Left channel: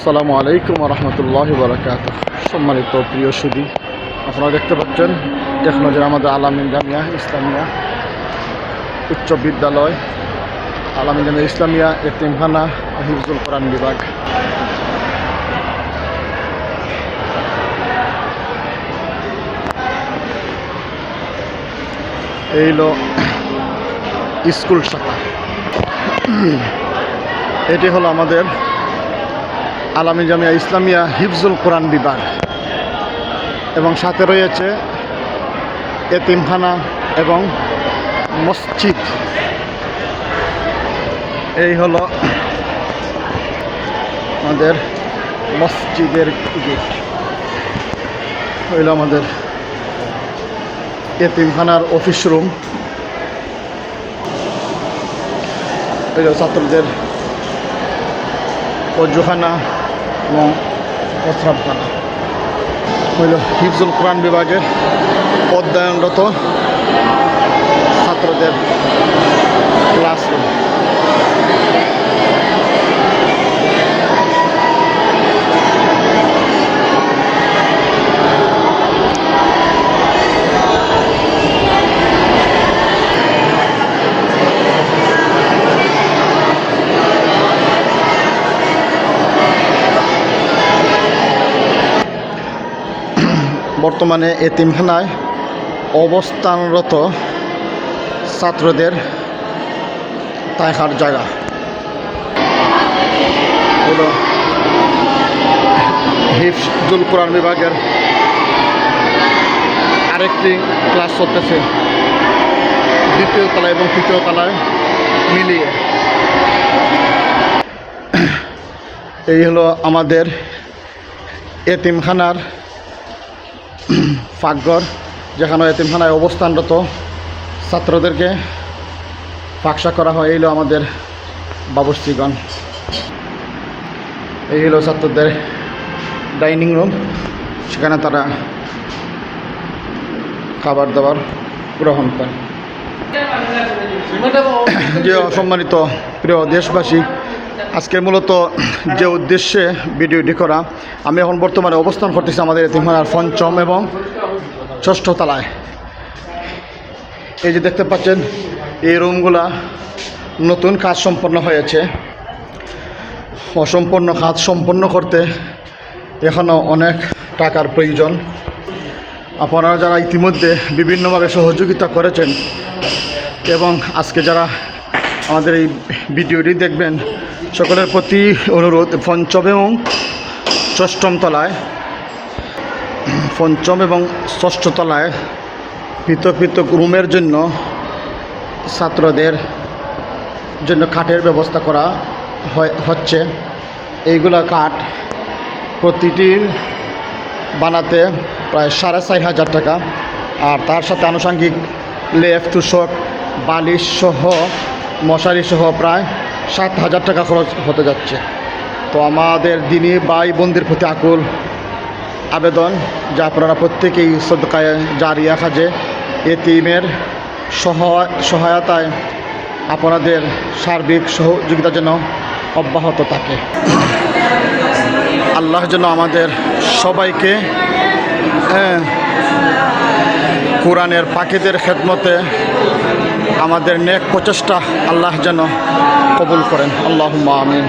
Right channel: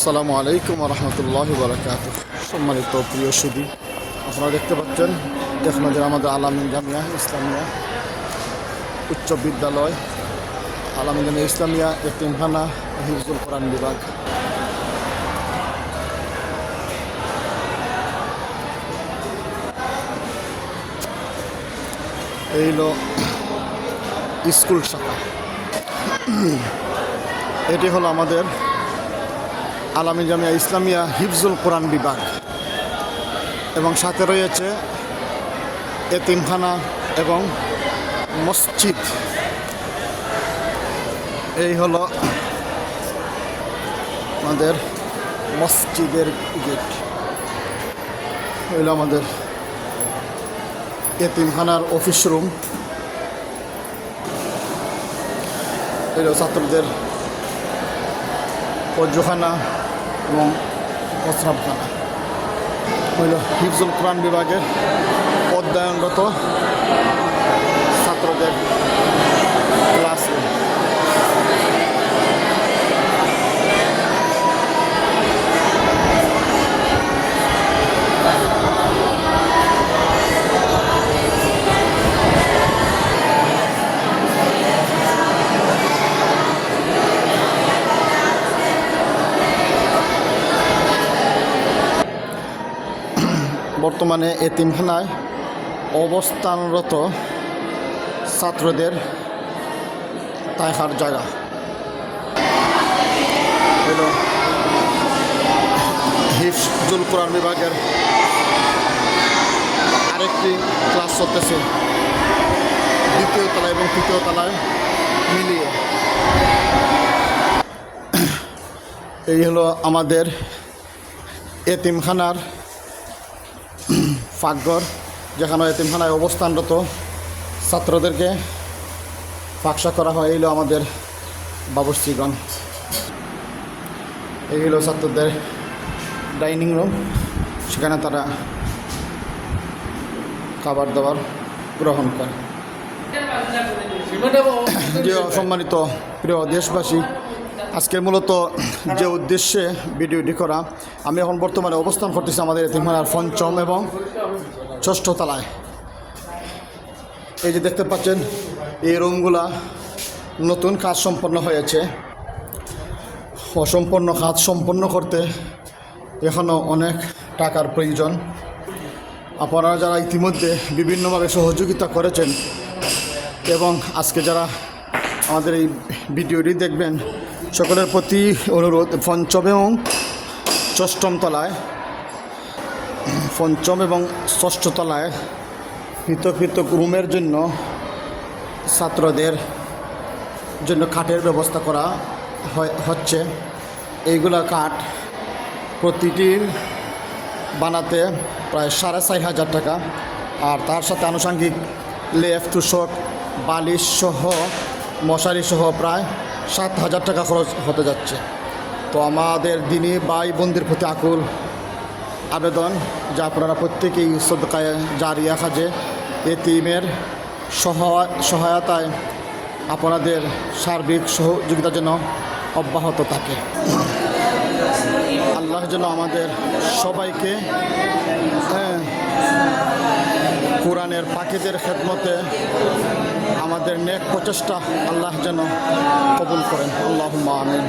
আসসালামু আলাইকুম রহমতুল্লাহ বরকাত সম্মানিত প্রিয় সুদী আপনারা দেখতে পাচ্ছেন এক নজর আমাদের আলামিন জামিয়া, ইসলামিয়া উচ্চ বিদ্যালয়, আলামিন জামিয়া ইসলামিয়া এতিমখানা হিফজুল কোরআন বিভাগ। এই হলো স্কুল শাখা। এটি হলো আমাদের আলামী জামিয়া ইসলামিয়া হিফজুল কোরআন বিভাগ। এবং সাথে রয়েছে এতিমখানা এবং মসজিদ। এই হলো আমাদের মসজিদের গেট। হইল আমাদের এতিমখানার অফিস রুম। ছাত্রদের অজুখানা। এবং প্রস্রাবখানা হইল হিফজুল কোরআন বিভাগের অধ্যয়নরত বর্তমানে এতিমখানায় অবস্থানরত ছাত্রদের তাইহার জায়গা। হিফজুল কোরআন বিভাগের আরেকটি ক্লাস চলতেছে দ্বিতীয় তলায় এবং তৃতীয় তলায় মিলিয়ে। এই হলো আমাদের এতিমখানার ফাঁকঘর, যেখানে এতিমখানায় অবস্থানরত ছাত্রদেরকে ফাঁকসা করা হয়। এই হলো আমাদের বাবুশ্রীগণ এই হলো ছাত্রদের ডাইনিং রুম। সেখানে তারা খাবার দাবার গ্রহণ করে। যে সম্মানিত প্রিয় দেশবাসী আজকে মূলত যে উদ্দেশ্যে ভিডিওটি করা, আমি এখন বর্তমানে অবস্থান করতেছি আমাদের এতিমখানার পঞ্চম এবং ষষ্ঠ তলায়। এই যে দেখতে পাচ্ছেন, এই রুমগুলা নতুন কাজ সম্পন্ন হয়েছে। অসম্পূর্ণ কাজ সম্পন্ন করতে এখনও অনেক টাকার প্রয়োজন। আপনারা যারা ইতিমধ্যে বিভিন্নভাবে সহযোগিতা করেছেন এবং আজকে যারা আমাদের এই ভিডিওটি দেখবেন। সকলের প্রতি অনুরোধ, পঞ্চম এবং ষষ্ঠম তলায়, পঞ্চম এবং ষষ্ঠ তলায় পৃথক পৃথক রুমের জন্য, ছাত্রদের জন্য কাঠের ব্যবস্থা করা হচ্ছে। এইগুলো কাঠ প্রতিটির বানাতে প্রায় সাড়ে চার হাজার টাকা। আর তার সাথে আনুষঙ্গিক লেফ তুষক বালিশ সহ মশারি সহ প্রায় সাত হাজার টাকা খরচ হতে যাচ্ছে। তো আমাদের দিনী ভাই বোনদের প্রতি আকুল আবেদন যা আপনারা প্রত্যেকেই সদকায় জারিয়া খাজে এতিমের সহায় সহায়তায় আপনাদের সার্বিক সহযোগিতা যেন অব্যাহত থাকে। আল্লাহ যেন আমাদের সবাইকে হ্যাঁ, কোরআনের পাখিদের খেদমতে আমাদের নেক প্রচেষ্টা আল্লাহ যেন কবুল করেন। আল্লাহ আমিন।